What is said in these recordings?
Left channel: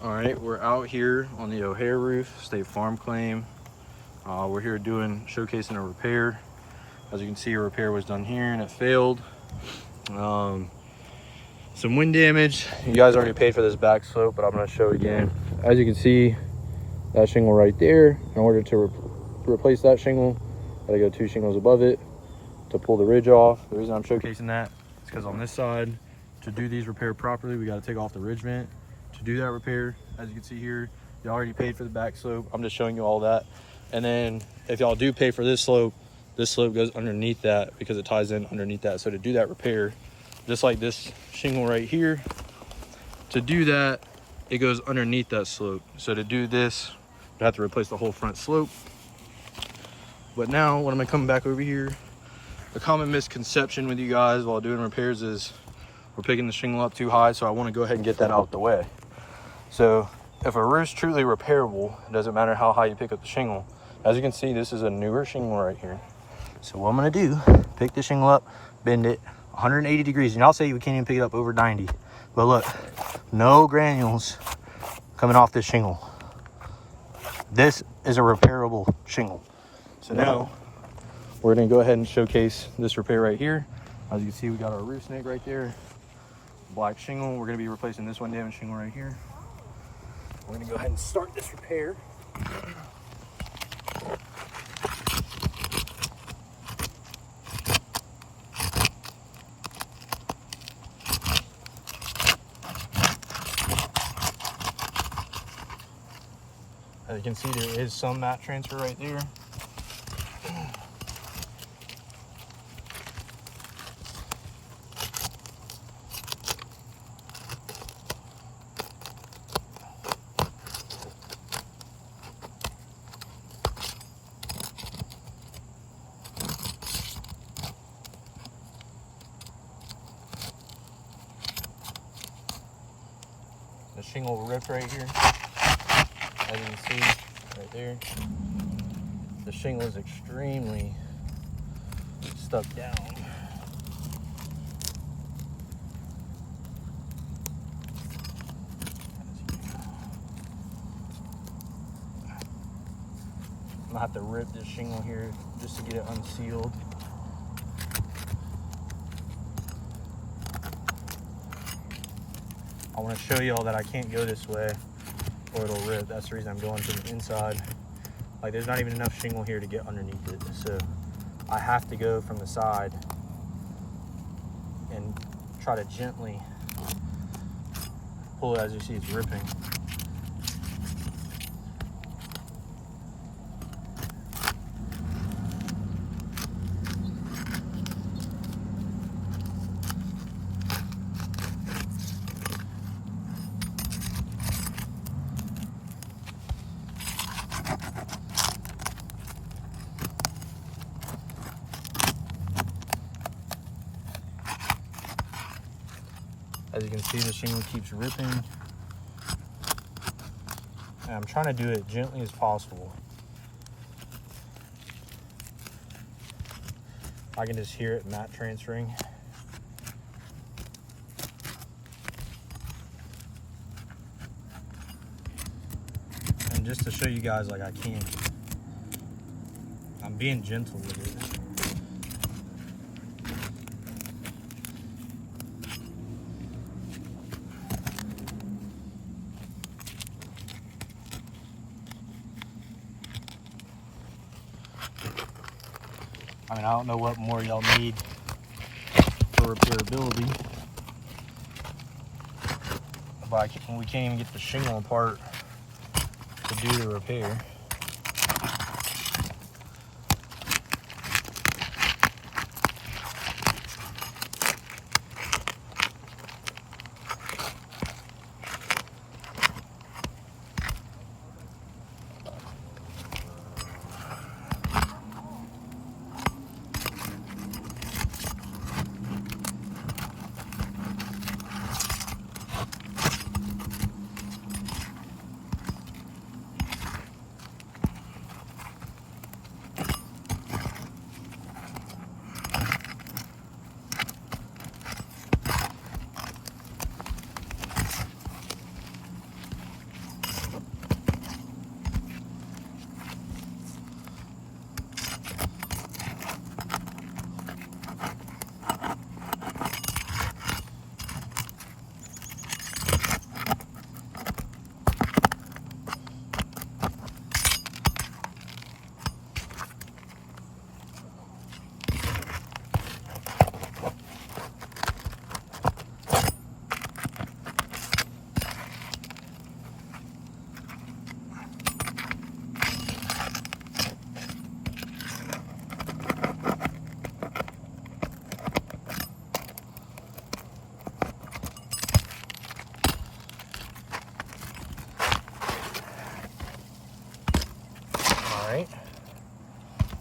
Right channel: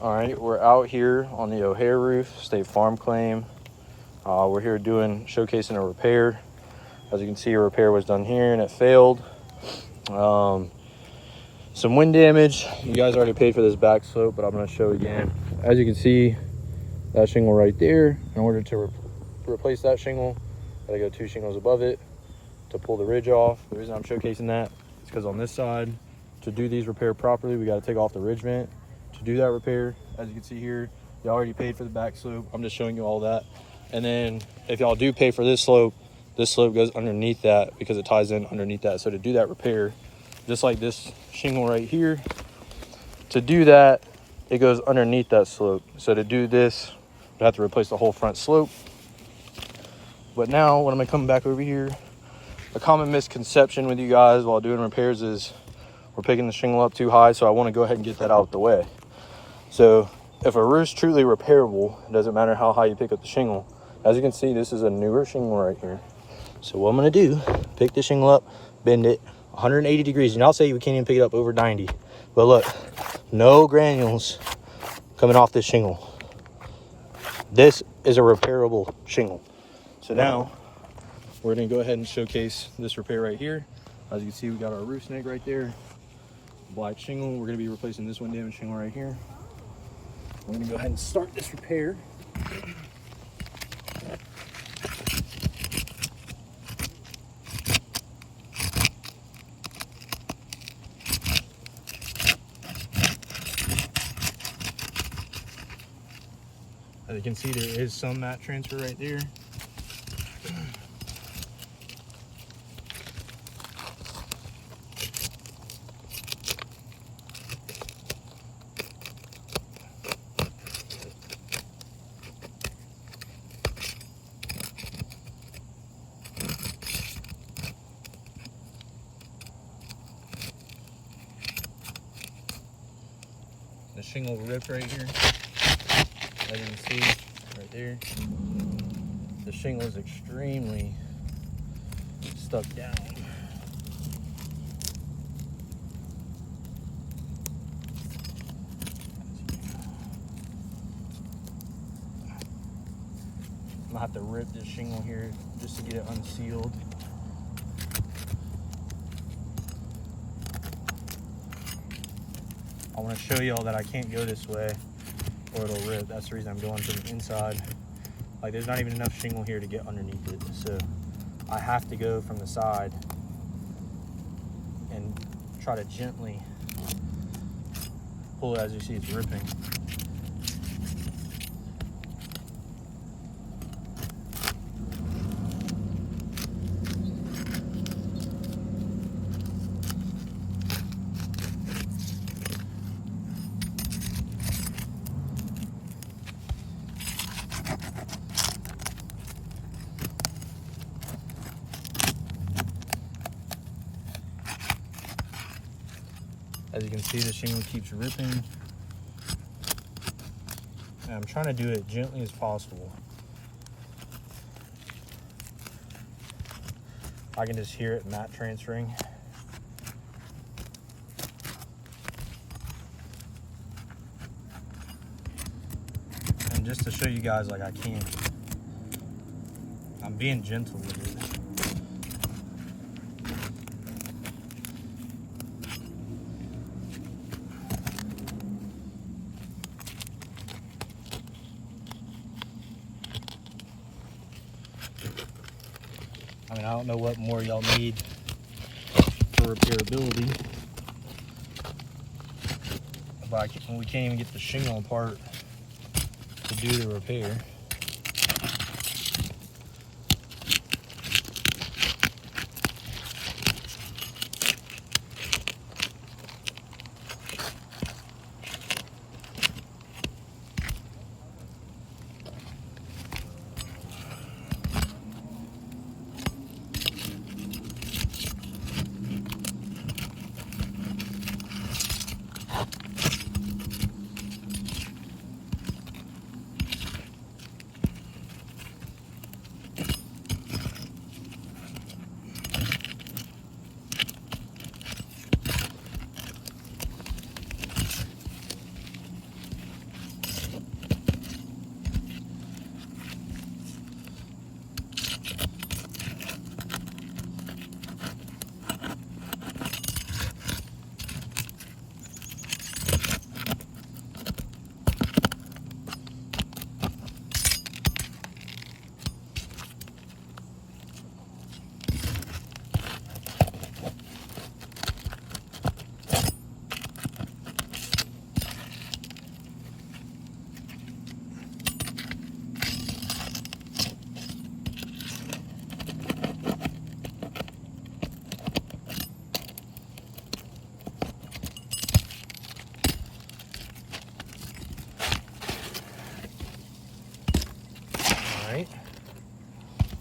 All right, we're out here on the O'Hare roof, State Farm claim. We're here showcasing a repair. As you can see, a repair was done here and it failed. Some wind damage. You guys already paid for this back slope, but I'm going to show it again. As you can see, that shingle right there, in order to replace that shingle, gotta go 2 shingles above it to pull the ridge off. The reason I'm showcasing that is because on this side, to do these repair properly, we got to take off the ridge vent to do that repair. As you can see here, you already paid for the back slope. I'm just showing you all that. And then if y'all do pay for this slope goes underneath that because it ties in underneath that. So to do that repair, just like this shingle right here, to do that, it goes underneath that slope. So to do this, we have to replace the whole front slope. But now when I'm coming back over here, a common misconception with you guys while doing repairs is we're picking the shingle up too high. So I want to go ahead and get that out of the way. So if a roof's truly repairable, it doesn't matter how high you pick up the shingle. As you can see, this is a newer shingle right here. So what I'm gonna do, pick the shingle up, bend it 180 degrees. And I'll say we can't even pick it up over 90. But look, no granules coming off this shingle. This is a repairable shingle. So now we're gonna go ahead and showcase this repair right here. As you can see, we got our roof snake right there, black shingle. We're gonna be replacing this one damaged shingle right here. We're gonna go ahead and start this repair. As you can see, there is some mat transfer right there. The shingle ripped right here. As you can see right there, the shingle is extremely stuck down. I'm gonna have to rip this shingle here just to get it unsealed. I want to show y'all that I can't go this way or it'll rip. That's the reason I'm going to the inside. Like, there's not even enough shingle here to get underneath it. So I have to go from the side and try to gently pull it. As you see, it's ripping. As you can see, the shingle keeps ripping. And I'm trying to do it gently as possible. I can just hear it mat transferring. And just to show you guys, like, I'm being gentle with it. I mean, I don't know what more y'all need for repairability, but we can't even get the shingle apart to do the repair.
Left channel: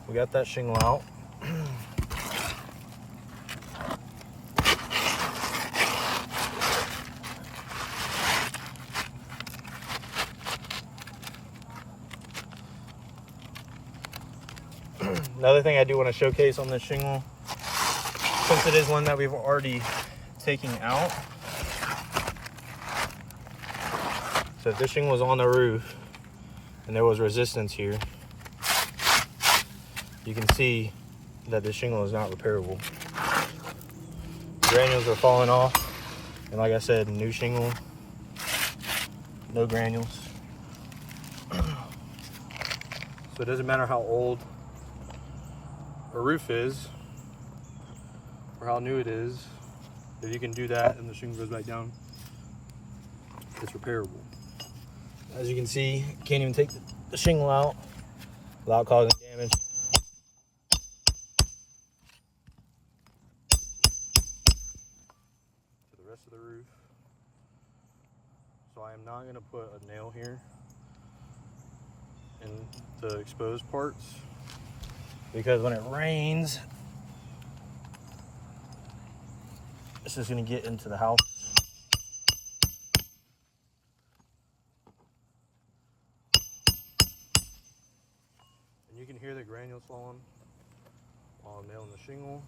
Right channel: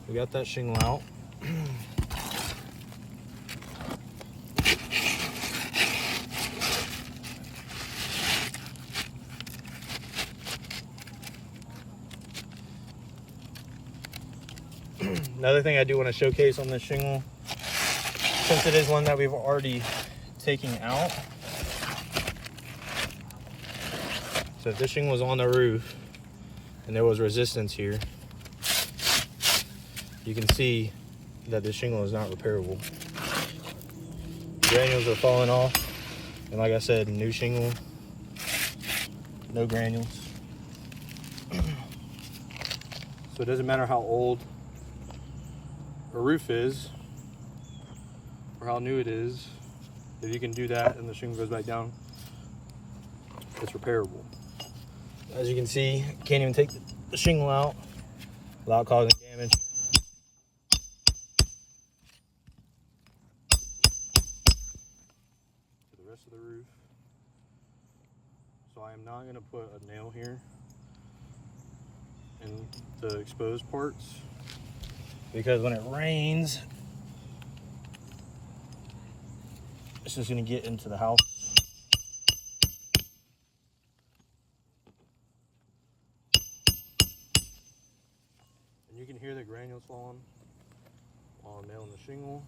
we got that shingle out. Another thing I do want to showcase on this shingle, since it is one that we've already taken out. So if this shingle was on the roof and there was resistance here, you can see that this shingle is not repairable. Granules are falling off, and like I said, new shingle, no granules. So it doesn't matter how old a roof is or how new it is, if you can do that and the shingle goes back down, it's repairable. As you can see, can't even take the shingle out without causing damage. To the rest of the roof. So I am not going to put a nail here in the exposed parts, because when it rains, it's just going to get into the house. And you can hear the granules falling while I'm nailing the shingle.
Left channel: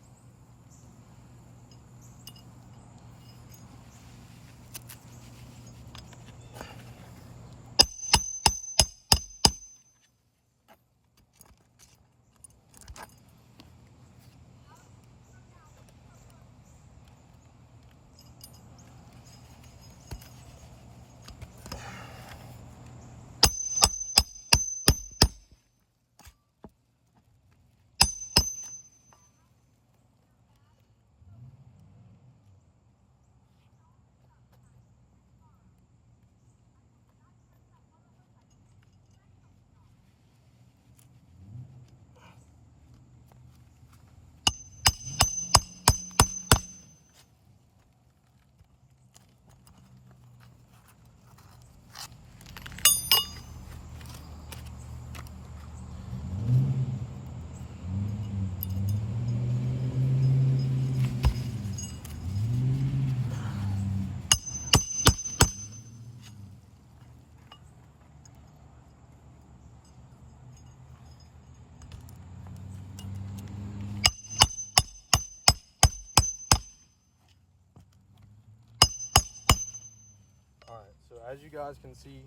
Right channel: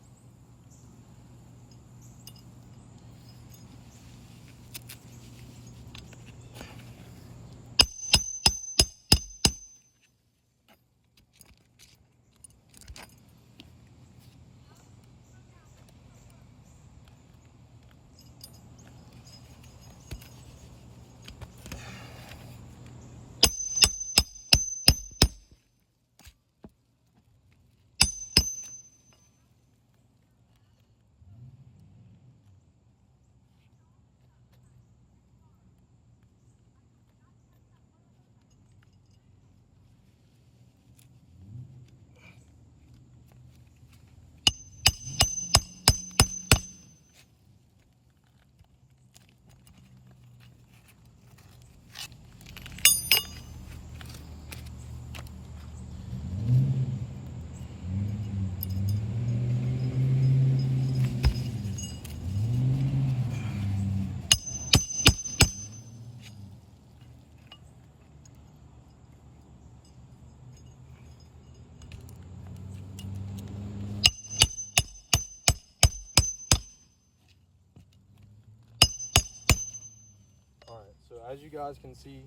Alright, so as you guys can see,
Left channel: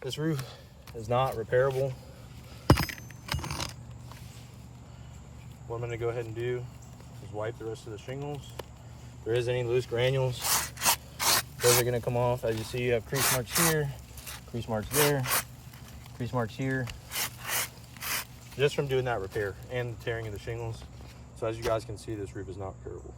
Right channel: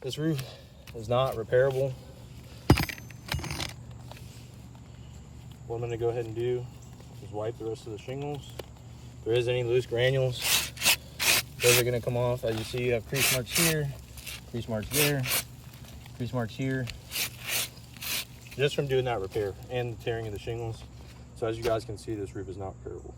this roof is not repairable. What I'm going to go ahead and do is wipe the rest of the shingles. If there is any loose granules, those are going to come off. As you see, you have crease marks here, crease marks there, crease marks here, just from doing that repair and the tearing of the shingles. So as you guys can see, this roof is not repairable.